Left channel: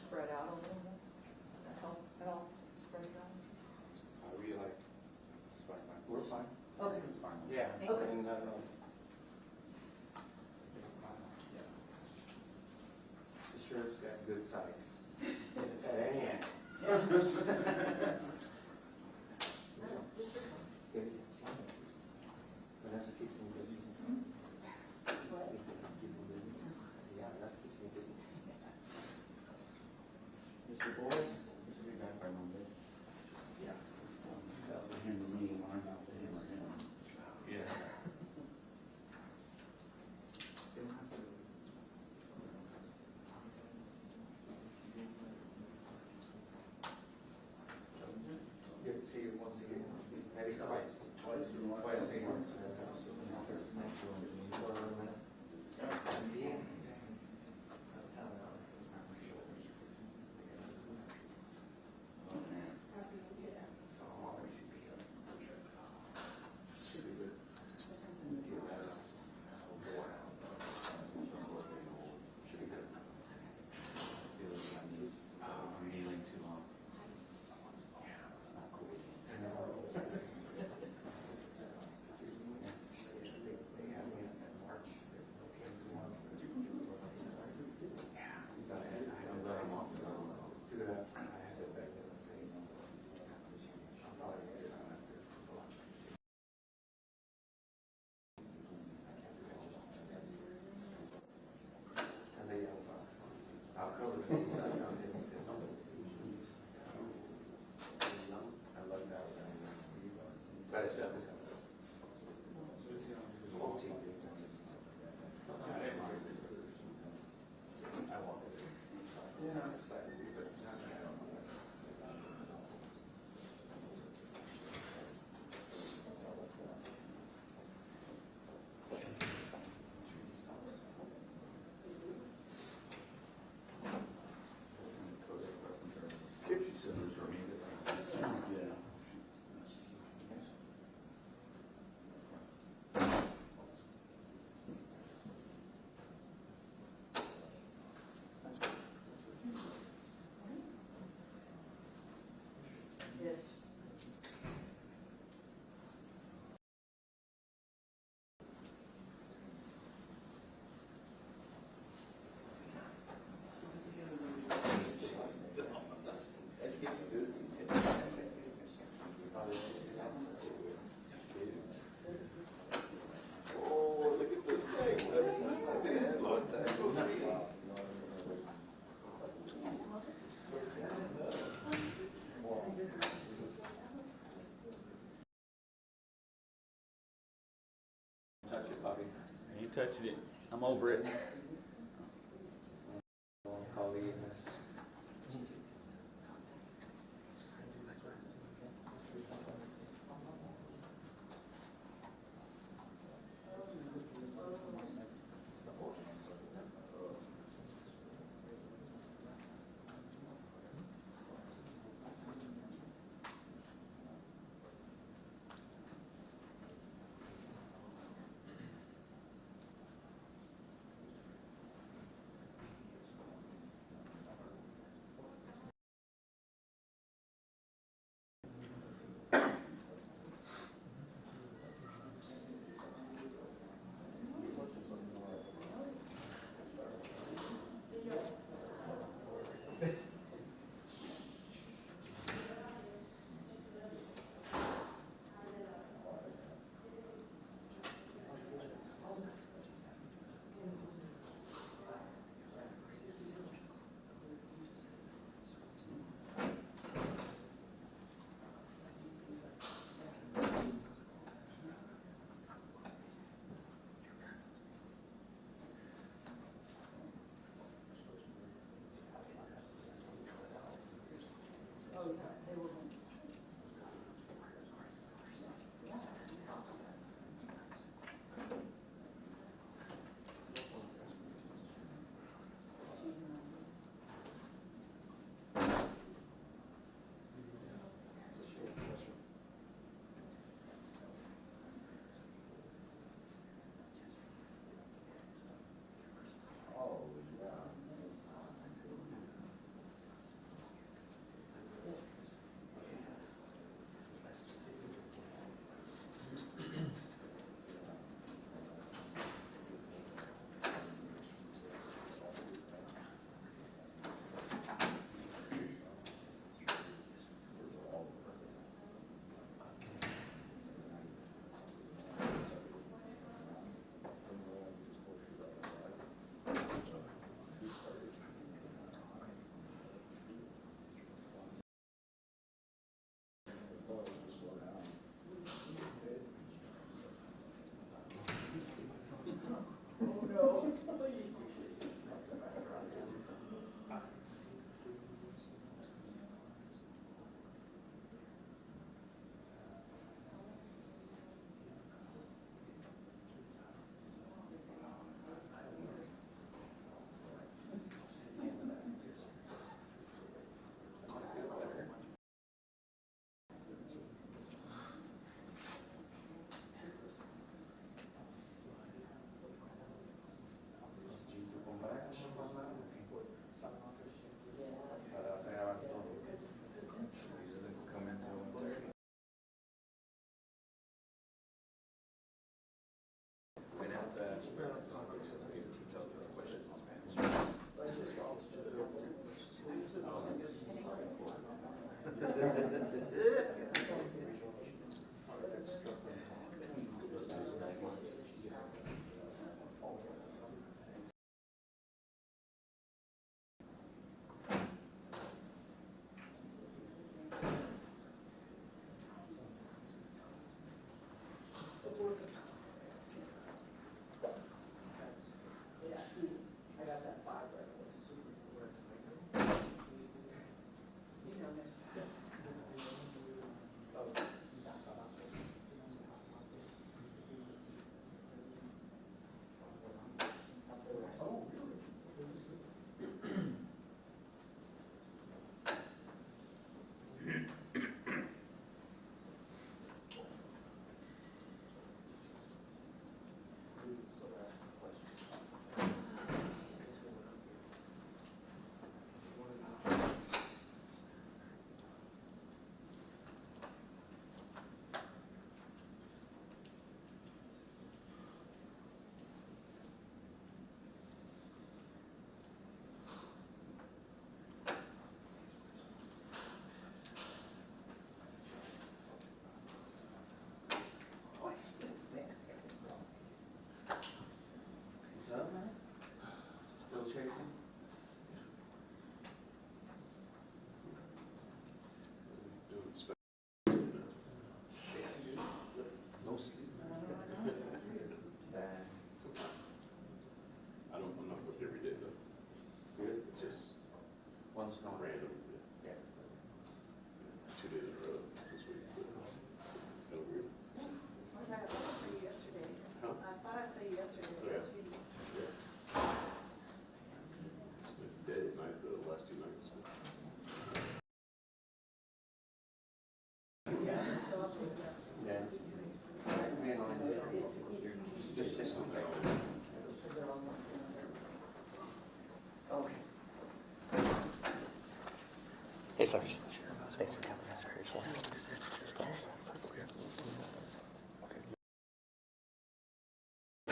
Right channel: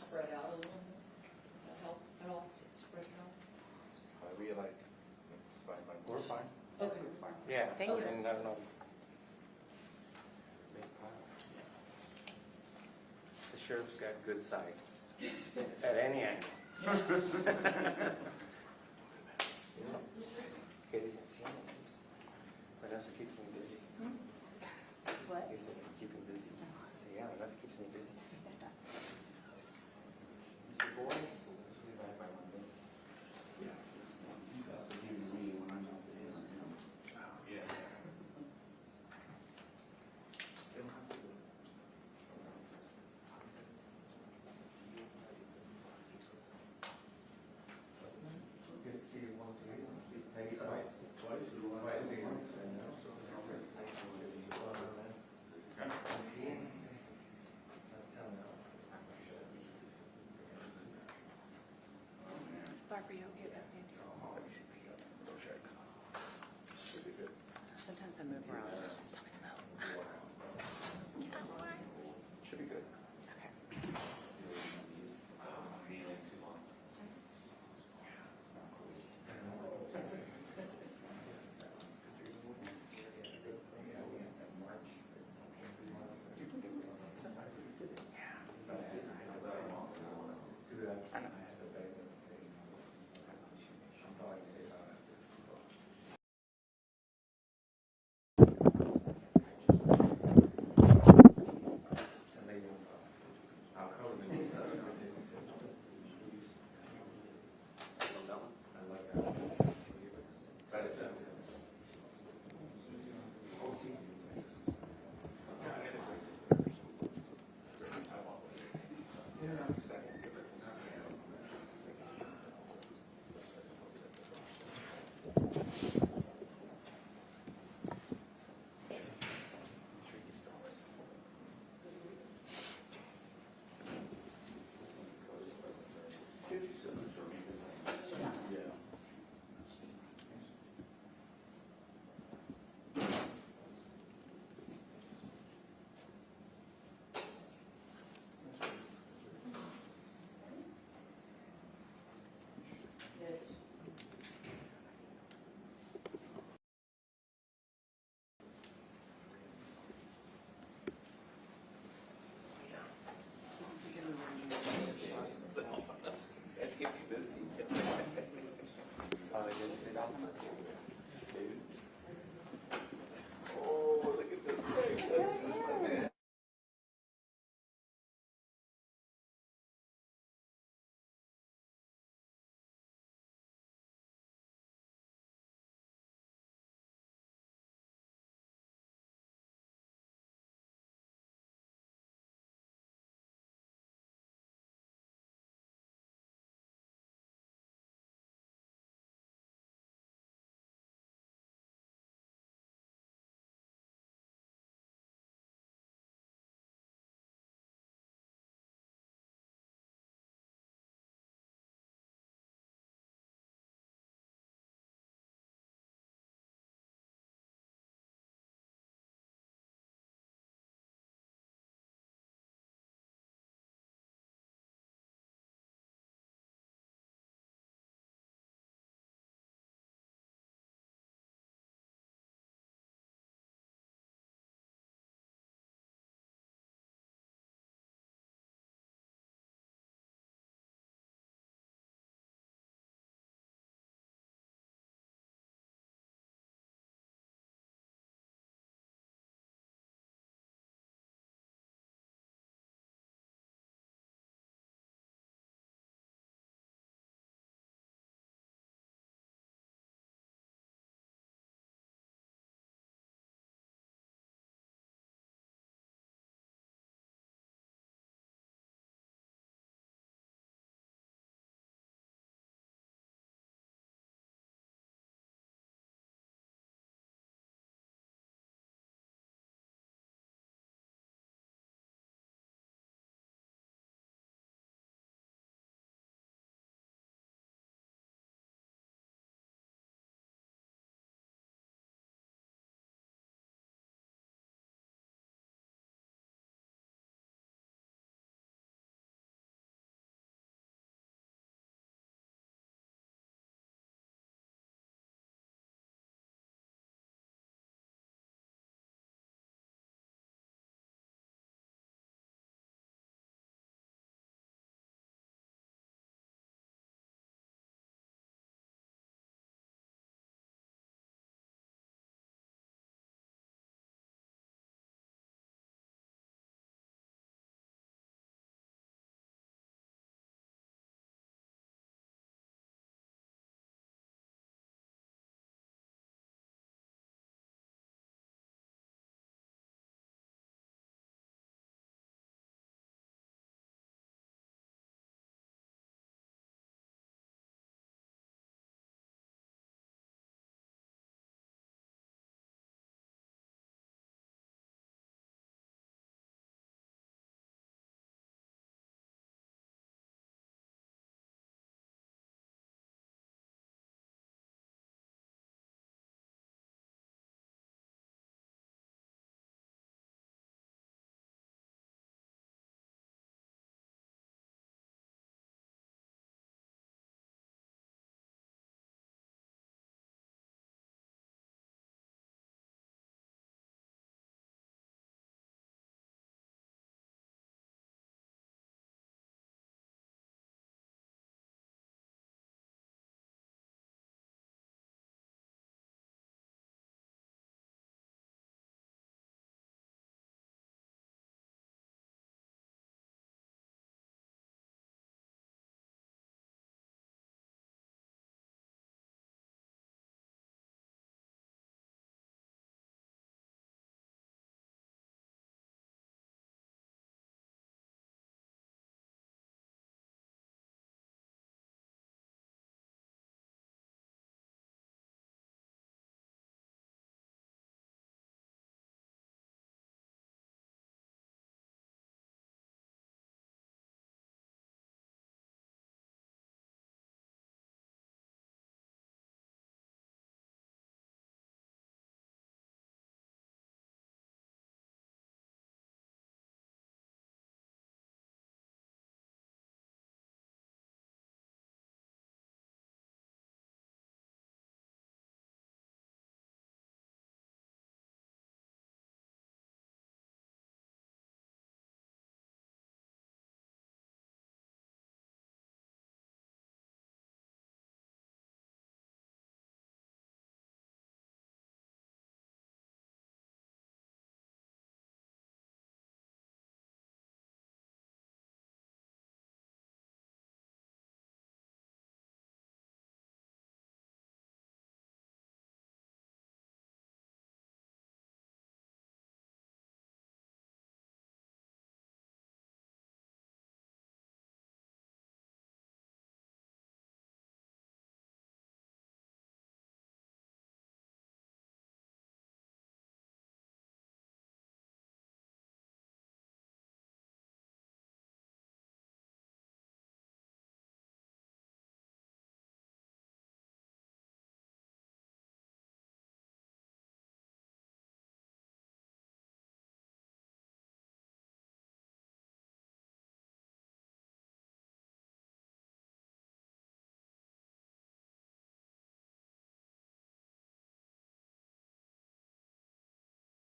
spread out a little bit? That help at all, spread it out? We like, We're fine. Okay. We're fine. Yeah. Thank you. And, no. The sheriff's got good sights at any angle. Okay, this is Vanessa keeps me busy. What? Keep me busy. Yeah, Vanessa keeps me busy. Mr. Boyd, this will be back by Monday. Yeah. He's out to him and me, when I'm out to him or him. Yeah. They don't have to. Good to see you once again. Maybe twice. Twice in one. Twice a year. Barbara, you'll get back in. Sometimes I move around. Should be good. I'm kneeling too long. Not cool. Yeah. That's keeping you busy. Oh, look at this thing. That's, man, long time no see. Touch it, Bobby. You touched it. I'm over it. Call the EMS.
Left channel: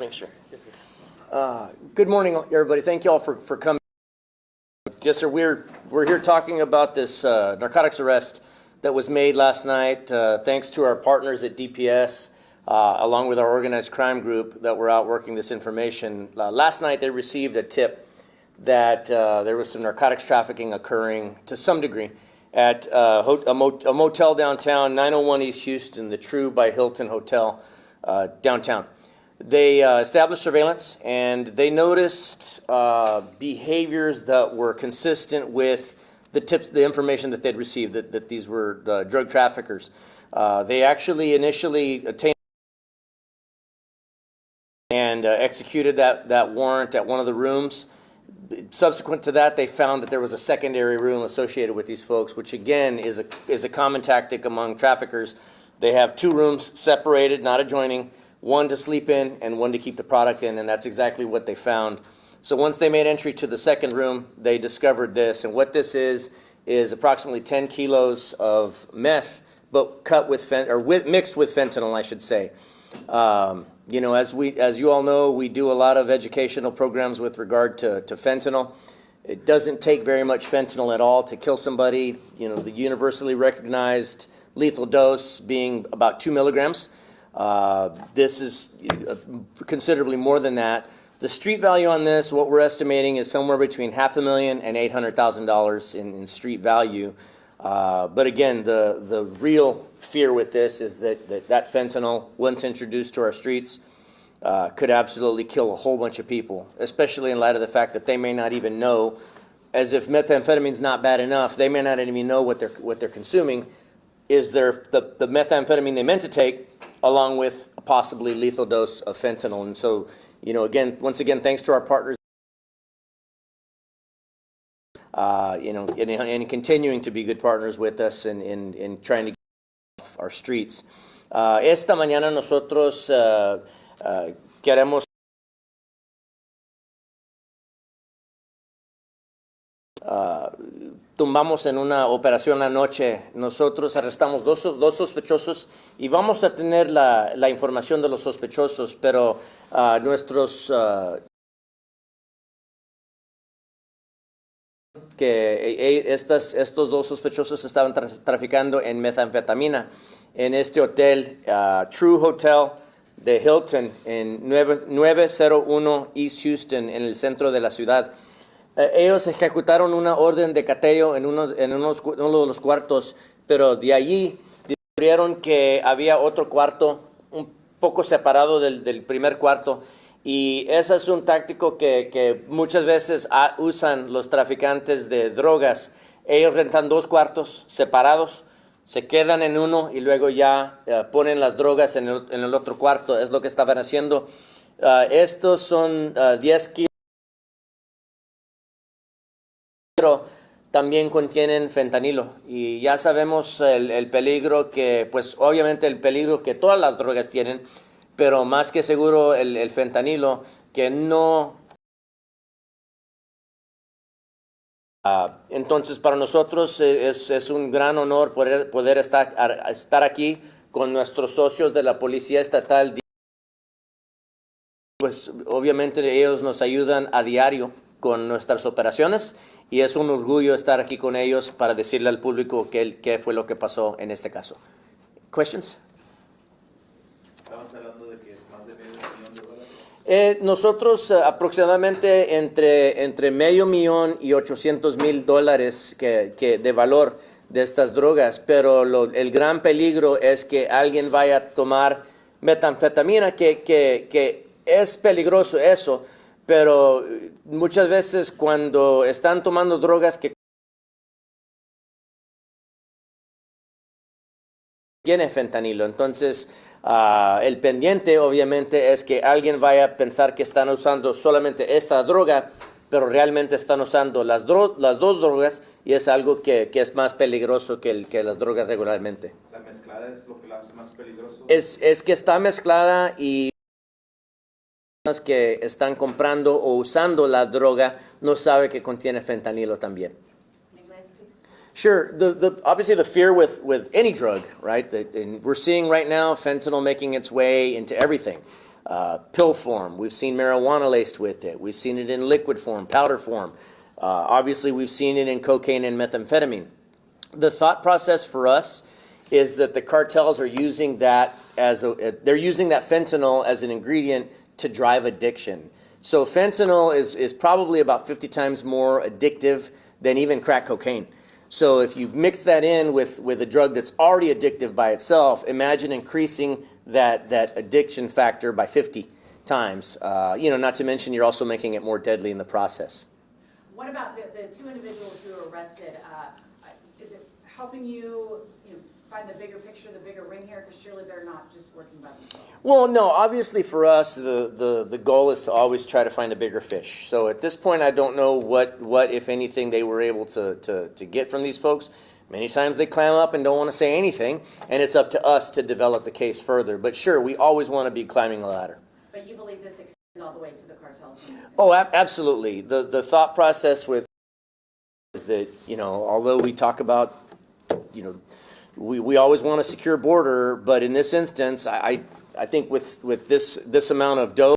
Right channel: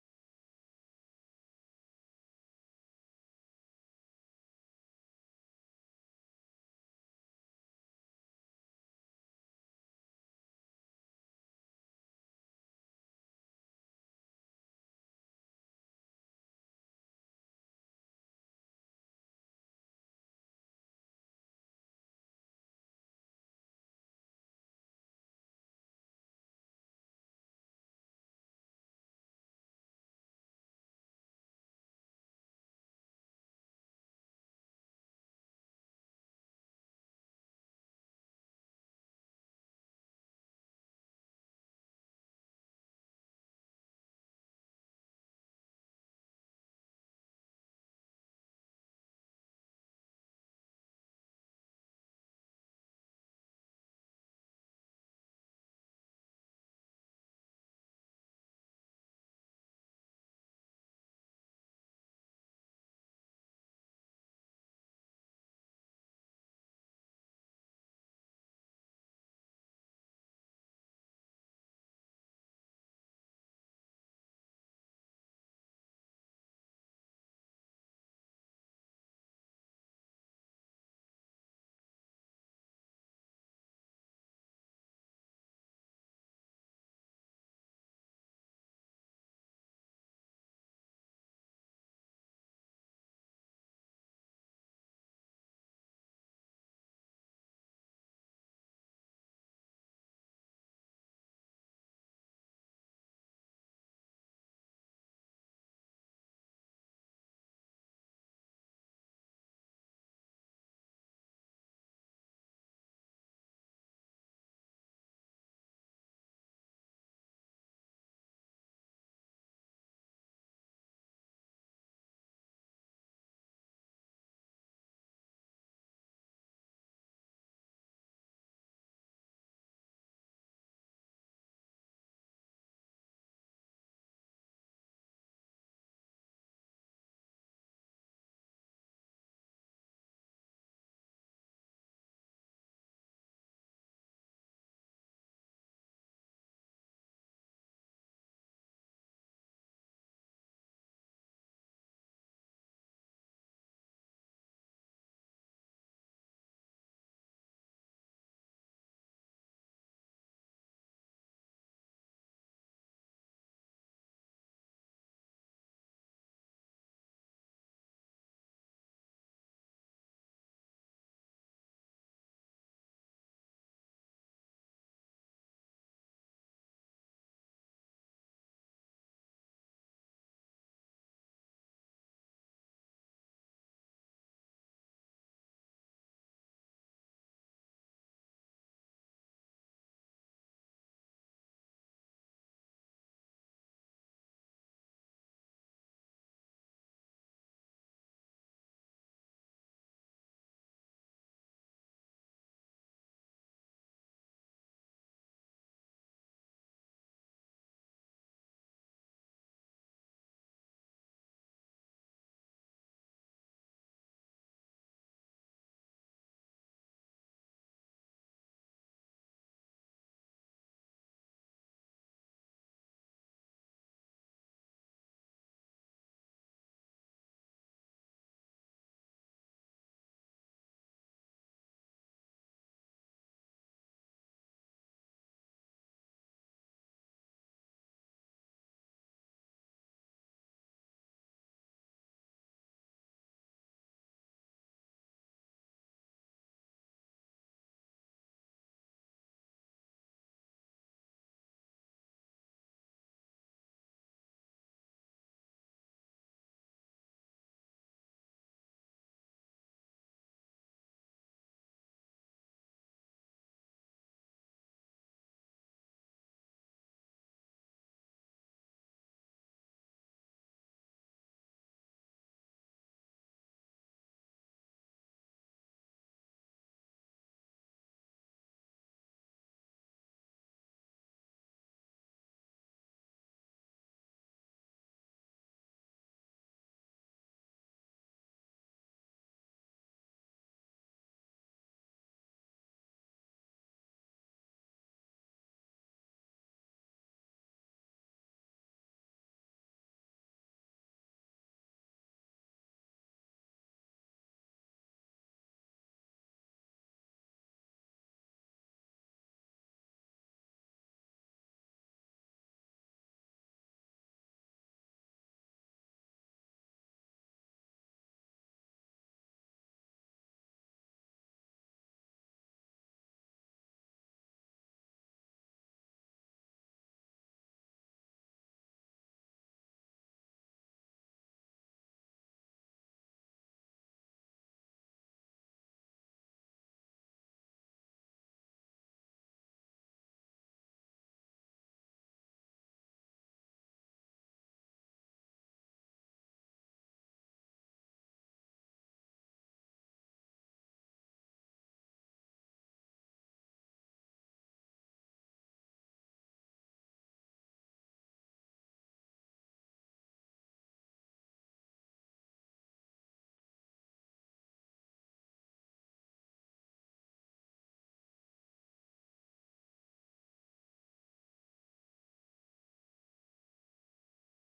make sure. Good morning, everybody. Thank you all for coming. Yes, sir. We're here talking about this narcotics arrest that was made last night, thanks to our partners at DPS, along with our organized crime group that were out working this information. Last night, they received a tip that there was some narcotics trafficking occurring to some degree at a motel downtown, 901 East Houston, the True by Hilton Hotel downtown. They established surveillance, and they noticed behaviors that were consistent with the tips, the information that they'd received, that these were drug traffickers. They actually initially attained and executed that warrant at one of the rooms. Subsequent to that, they found that there was a secondary room associated with these folks, which again is a common tactic among traffickers. They have two rooms separated, not adjoining, one to sleep in and one to keep the product in, and that's exactly what they found. So once they made entry to the second room, they discovered this, and what this is approximately 10 kilos of meth, but cut with mixed with fentanyl, I should say. You know, as you all know, we do a lot of educational programs with regard to fentanyl. It doesn't take very much fentanyl at all to kill somebody. You know, the universally recognized lethal dose being about 2 milligrams. This is considerably more than that. The street value on this, what we're estimating, is somewhere between $500,000 and $800,000 in street value. But again, the real fear with this is that fentanyl, once introduced to our streets, could absolutely kill a whole bunch of people, especially in light of the fact that they may not even know, as if methamphetamine's not bad enough, they may not even know what they're consuming. Is the methamphetamine they meant to take, along with a possibly lethal dose of fentanyl. And so, you know, once again, thanks to our partners, you know, and continuing to be good partners with us in trying to get off our streets. Esta mañana nosotros queremos tumbamos en una operación anoche. Nosotros arrestamos dos sospechosos y vamos a tener la información de los sospechosos, pero estos dos sospechosos estaban traficando en metanfetamina en este hotel, True Hotel de Hilton, en 901 East Houston, en el centro de la ciudad. Ellos ejecutaron una orden de cateo en uno de los cuartos, pero de allí descubrieron que había otro cuarto un poco separado del primer cuarto, y ese es un táctico que muchas veces usan los traficantes de drogas. Ellos rentan dos cuartos separados, se quedan en uno y luego ya ponen las drogas en el otro cuarto. Es lo que estaban haciendo. Estos son 10 kilos. Pero también contienen fentanilo, y ya sabemos el peligro que, pues obviamente el peligro que todas las drogas tienen, pero más que seguro el fentanilo, que no... entonces para nosotros es un gran honor poder estar aquí con nuestros socios de la Policía Estatal. Pues obviamente ellos nos ayudan a diario con nuestras operaciones, y es un orgullo estar aquí con ellos para decirle al público qué fue lo que pasó en este caso. Questions? Estamos hablando de que es más de $500,000. Nosotros aproximadamente entre $500,000 y $800,000 que de valor de estas drogas, pero el gran peligro es que alguien vaya a tomar metanfetamina, que es peligroso eso, pero muchas veces cuando están tomando drogas que tiene fentanilo, entonces el pendiente obviamente es que alguien vaya a pensar que están usando solamente esta droga, pero realmente están usando las dos drogas, y es algo que es más peligroso que las drogas regularmente. ¿La mezclada es lo que la hace más peligroso? Es que está mezclada, y que están comprando o usando la droga no sabe que contiene fentanilo también. Sure. Obviously the fear with any drug, right? And we're seeing right now fentanyl making its way into everything. pill form. We've seen marijuana laced with it. We've seen it in liquid form, powder form. Obviously, we've seen it in cocaine and methamphetamine. The thought process for us is that the cartels are using that they're using that fentanyl as an ingredient to drive addiction. So fentanyl is probably about 50 times more addictive than even crack cocaine. So if you mix that in with a drug that's already addictive by itself, imagine increasing that addiction factor by 50 times. Not to mention you're also making it more deadly in the process. What about the two individuals who were arrested? Is it helping you, find the bigger picture, the bigger ring here? Because surely they're not just working by themselves. Well, no, obviously for us, the goal is to always try to find a bigger fish. So at this point, I don't know what if anything, they were able to get from these folks. Many times they clam up and don't want to say anything, and it's up to us to develop the case further. But sure, we always want to be climbing the ladder. But you believe this extends all the way to the cartels? Oh, absolutely. The thought process with is that, although we talk about, we always want a secure border, but in this instance, I think with this amount of dope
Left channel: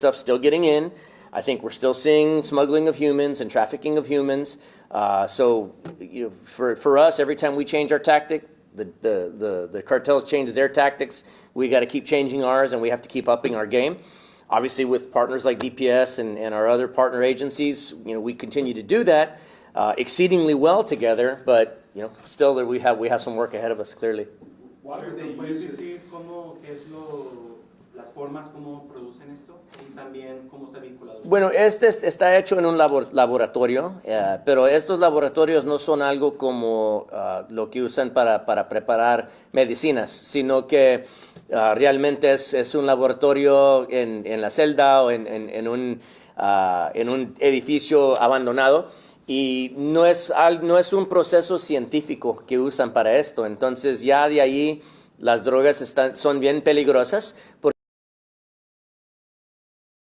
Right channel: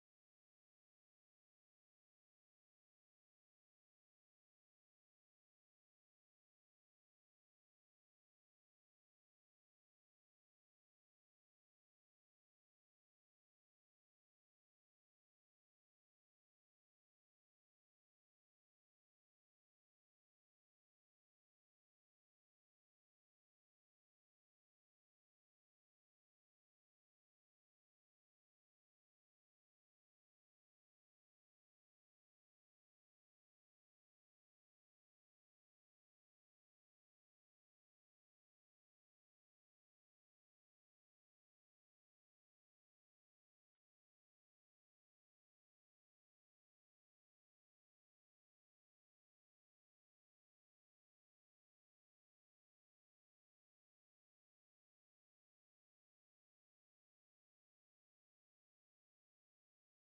stuff still getting in, I think we're still seeing smuggling of humans and trafficking of humans. So for us, every time we change our tactic, the cartels change their tactics. We got to keep changing ours, and we have to keep upping our game. Obviously, with partners like DPS and our other partner agencies, we continue to do that exceedingly well together. But still, we have some work ahead of us. Clearly. Why would they ¿Puedes use it? decir cómo es las formas como producen esto y también cómo está vinculado? Bueno, este está hecho en un laboratorio, pero estos laboratorios no son algo como lo que usan para preparar medicinas, sino que realmente es un laboratorio en la celda o en un edificio abandonado. Y no es un proceso científico que usan para esto. Entonces ya de ahí las drogas son bien peligrosas. Porque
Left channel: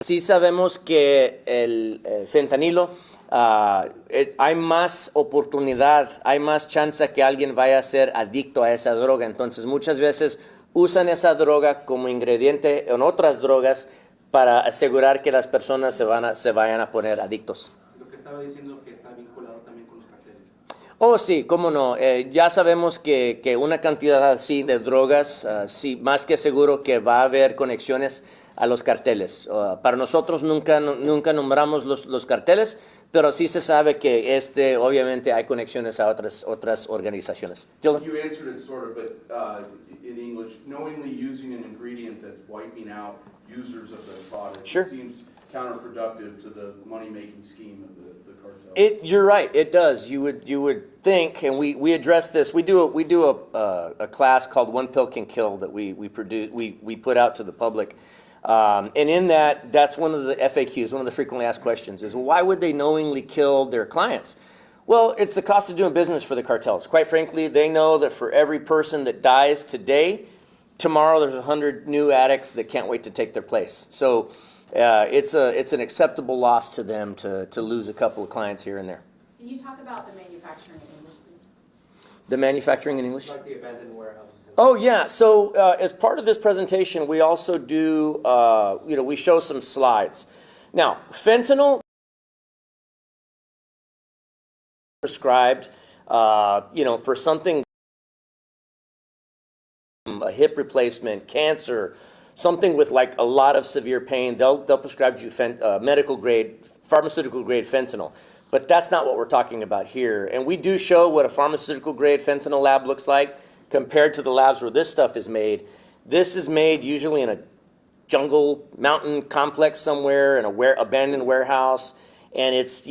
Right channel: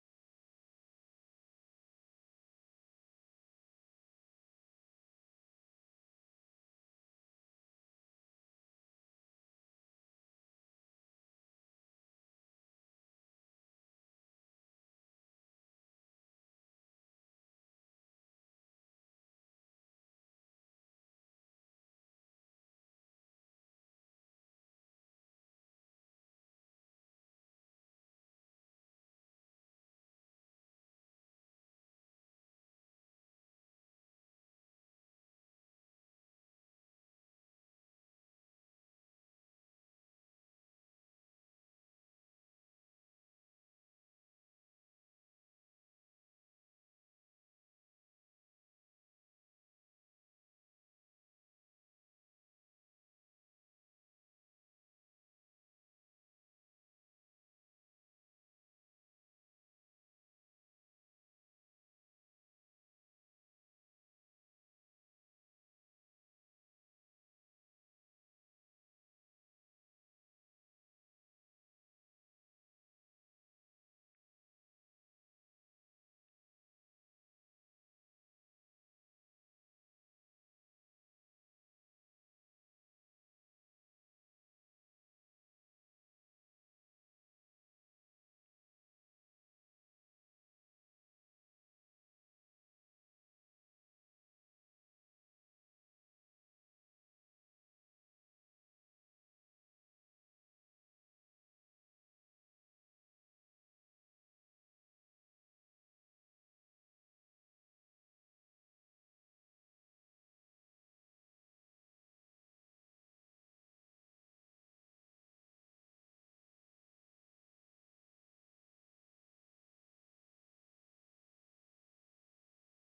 sí sabemos que el fentanilo, hay más oportunidad, hay más chance que alguien vaya a ser adicto a esa droga. Entonces muchas veces usan esa droga como ingrediente en otras drogas para asegurar que las personas se vayan a poner adictos. Lo que estaba diciendo que está vinculado también con los carteles. Oh, sí, cómo no. Ya sabemos que una cantidad así de drogas, sí, más que seguro que va a haber conexiones a los carteles. Para nosotros nunca nombramos los carteles, pero sí se sabe que obviamente hay conexiones a otras organizaciones. Dylan? You answered it sort of, but in English, knowingly using an ingredient that's wiping out users of the product Sure. seems counterproductive to the money-making scheme of the cartel. You're right. It does. You would think, and we address this. We do a class called One Pill Can Kill that we put out to the public, and in that's one of the FAQs, one of the frequently asked questions is, well, why would they knowingly kill their clients? Well, it's the cost of doing business for the cartels. Quite frankly, they know that for every person that dies today, tomorrow there's 100 new addicts that can't wait to take their place. So it's an acceptable loss to them to lose a couple of clients here and there. Can you talk about the manufacturing in English, please? The manufacturing in English? Like the abandoned warehouses. Oh, yeah. So as part of this presentation, we also do, we show some slides. Now, fentanyl prescribed, for something, a hip replacement, cancer, something with like a lot of severe pain, they'll prescribe you medical grade, pharmaceutical grade fentanyl. But that's not what we're talking about here. And we do show what a pharmaceutical grade fentanyl lab looks like compared to the labs where this stuff is made. This is made usually in a jungle mountain complex somewhere in abandoned warehouse, and it's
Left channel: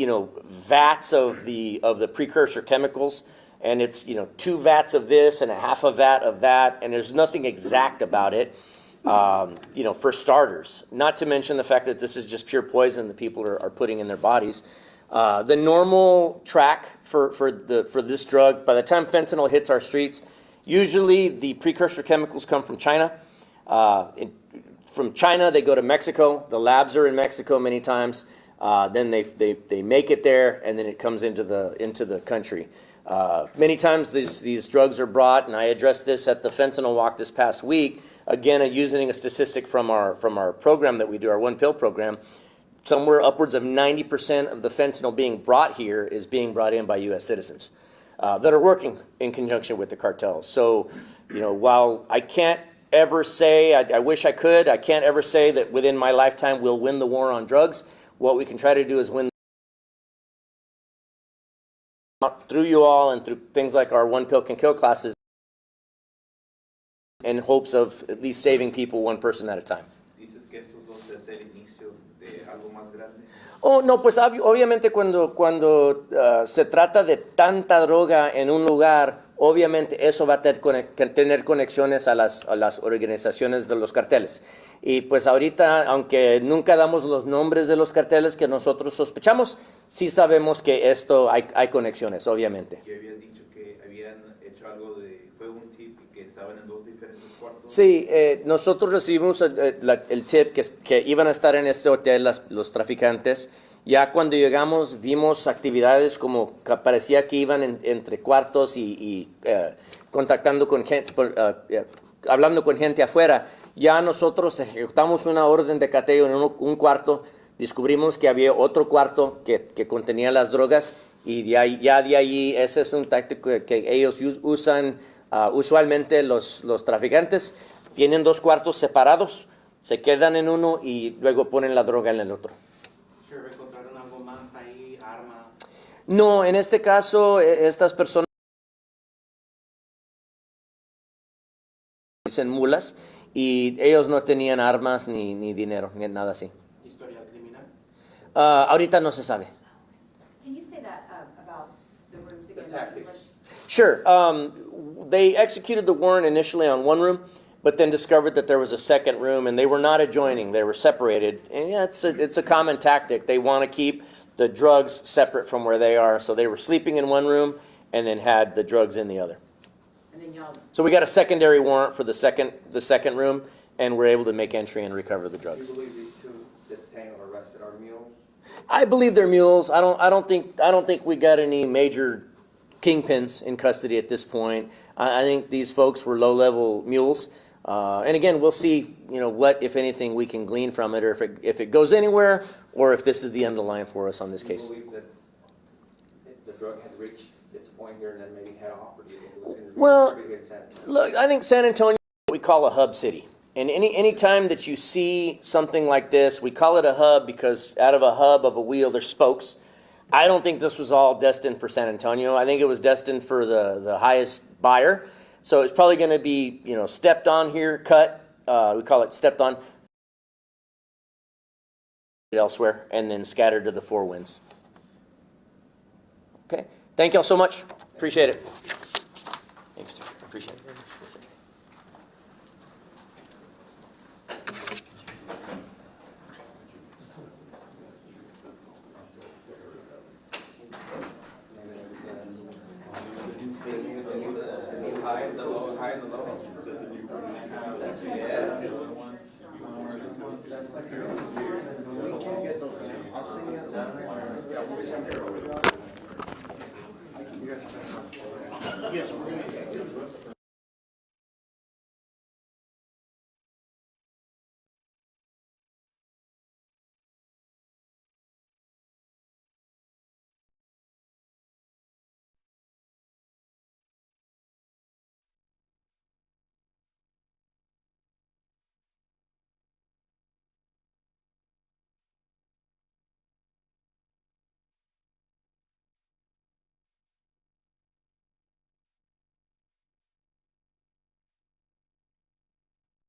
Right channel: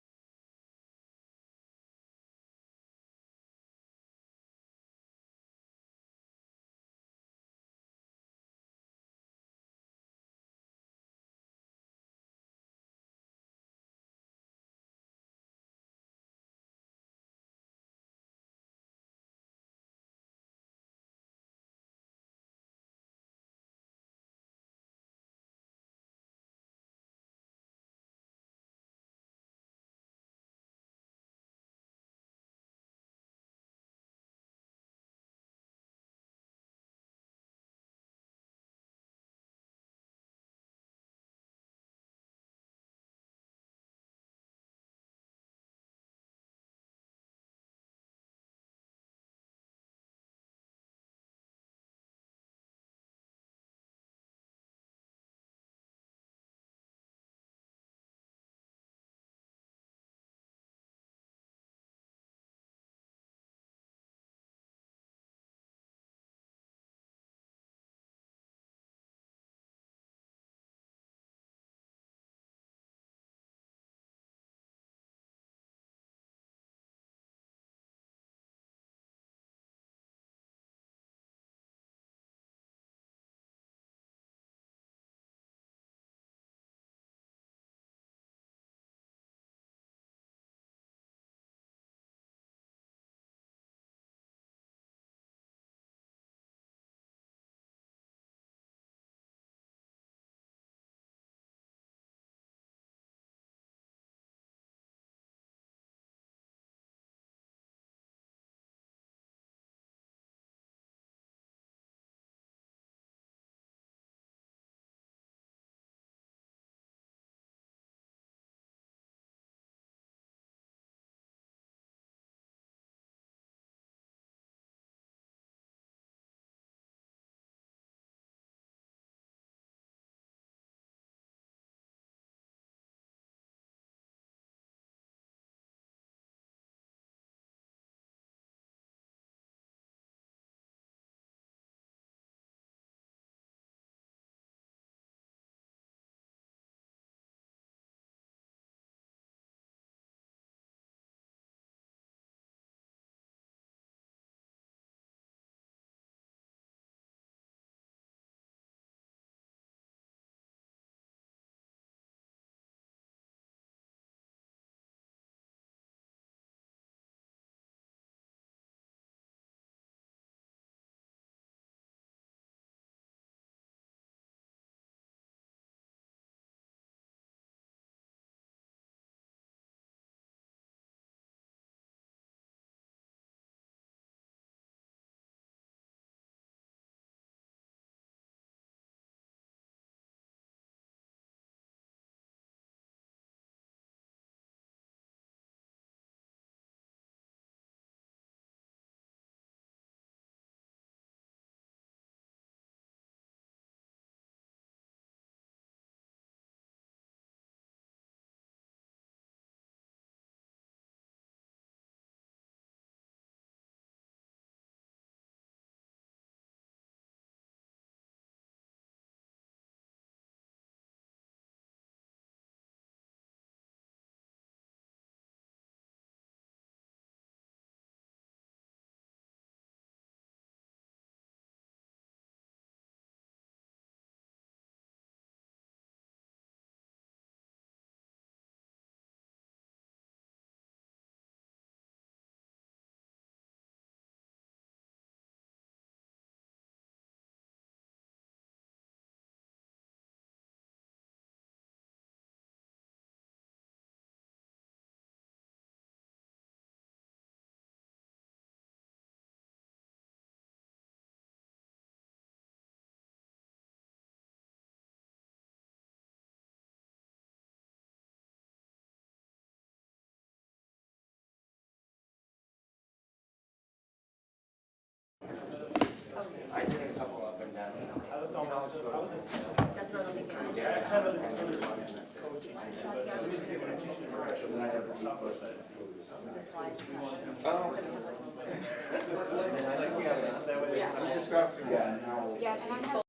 vats of the precursor chemicals, and it's 2 vats of this and a half a vat of that, and there's nothing exact about it. For starters, not to mention the fact that this is just pure poison that people are putting in their bodies. The normal track for this drug, by the time fentanyl hits our streets, usually the precursor chemicals come from China. From China, they go to Mexico. The labs are in Mexico many times. Then they make it there, and then it comes into the country. Many times these drugs are brought, and I addressed this at the fentanyl walk this past week. again, using a statistic from our program that we do, our one pill program, somewhere upwards of 90% of the fentanyl being brought here is being brought in by U.S. citizens that are working in conjunction with the cartels. So, while I can't ever say, I wish I could, I can't ever say that within my lifetime we'll win the war on drugs. What we can try to do is win through you all and through things like our One Pill Can Kill classes in hopes of at least saving people one person at a time. Dices que estos dos es el inicio de algo más grande. Oh, no, pues obviamente cuando se trata de tanta droga en un lugar, obviamente eso va a tener conexiones a las organizaciones de los carteles. Y pues ahorita, aunque nunca damos los nombres de los carteles que nosotros sospechamos, sí sabemos que esto hay conexiones, obviamente. Que habías dicho que habían hecho algo fue un tip y que estaban en dos diferentes cuartos. Sí, nosotros recibimos el tip que iban a estar en este hotel los traficantes. Ya cuando llegamos vimos actividades como que parecía que iban entre cuartos y contactando con gente, hablando con gente afuera. Ya nosotros ejecutamos una orden de cateo en un cuarto, descubrimos que había otro cuarto que contenía las drogas y de ahí ese es un táctico que ellos usan usualmente los traficantes. Tienen dos cuartos separados, se quedan en uno y luego ponen la droga en el otro. ¿Encontraron algo más ahí, armas? No, en este caso estas personas dicen mulas y ellos no tenían armas ni dinero, ni nada así. ¿Historial criminal? Ahorita no se sabe. Can you say that about the rooms again? tactic. English? Sure. They executed the warrant initially on one room, but then discovered that there was a second room, and they were not adjoining. They were separated. And yeah, it's a common tactic. They want to keep the drugs separate from where they are. So they were sleeping in one room and then had the drugs in the other. And then y'all, So we got a secondary warrant for the second room, and we're able to make entry and recover the Do drugs. you believe these two detained or arrested are mules? I believe they're mules. I don't think we got any major kingpins in custody at this point. I think these folks were low-level mules. And again, we'll see, what, if anything, we can glean from it, or if it goes anywhere, or if this is the underlying for us on this Do you case. believe that the drug had reached its point here and then maybe head off, or do you think it was going to be Well, distributed in San Antonio? Look, I think San Antonio is what we call a hub city. And any time that you see something like this, we call it a hub because out of a hub of a wheel, there's spokes. I don't think this was all destined for San Antonio. I think it was destined for the highest buyer. So it's probably going to be, stepped on here, cut. We call it stepped on elsewhere, and then scattered to the four winds. Okay. Thank y'all so much. Appreciate it. Thank you, sir. Appreciate it. I did a couple up and down. that's what I'm thinking. The slide. Just grab some. Yeah, and I have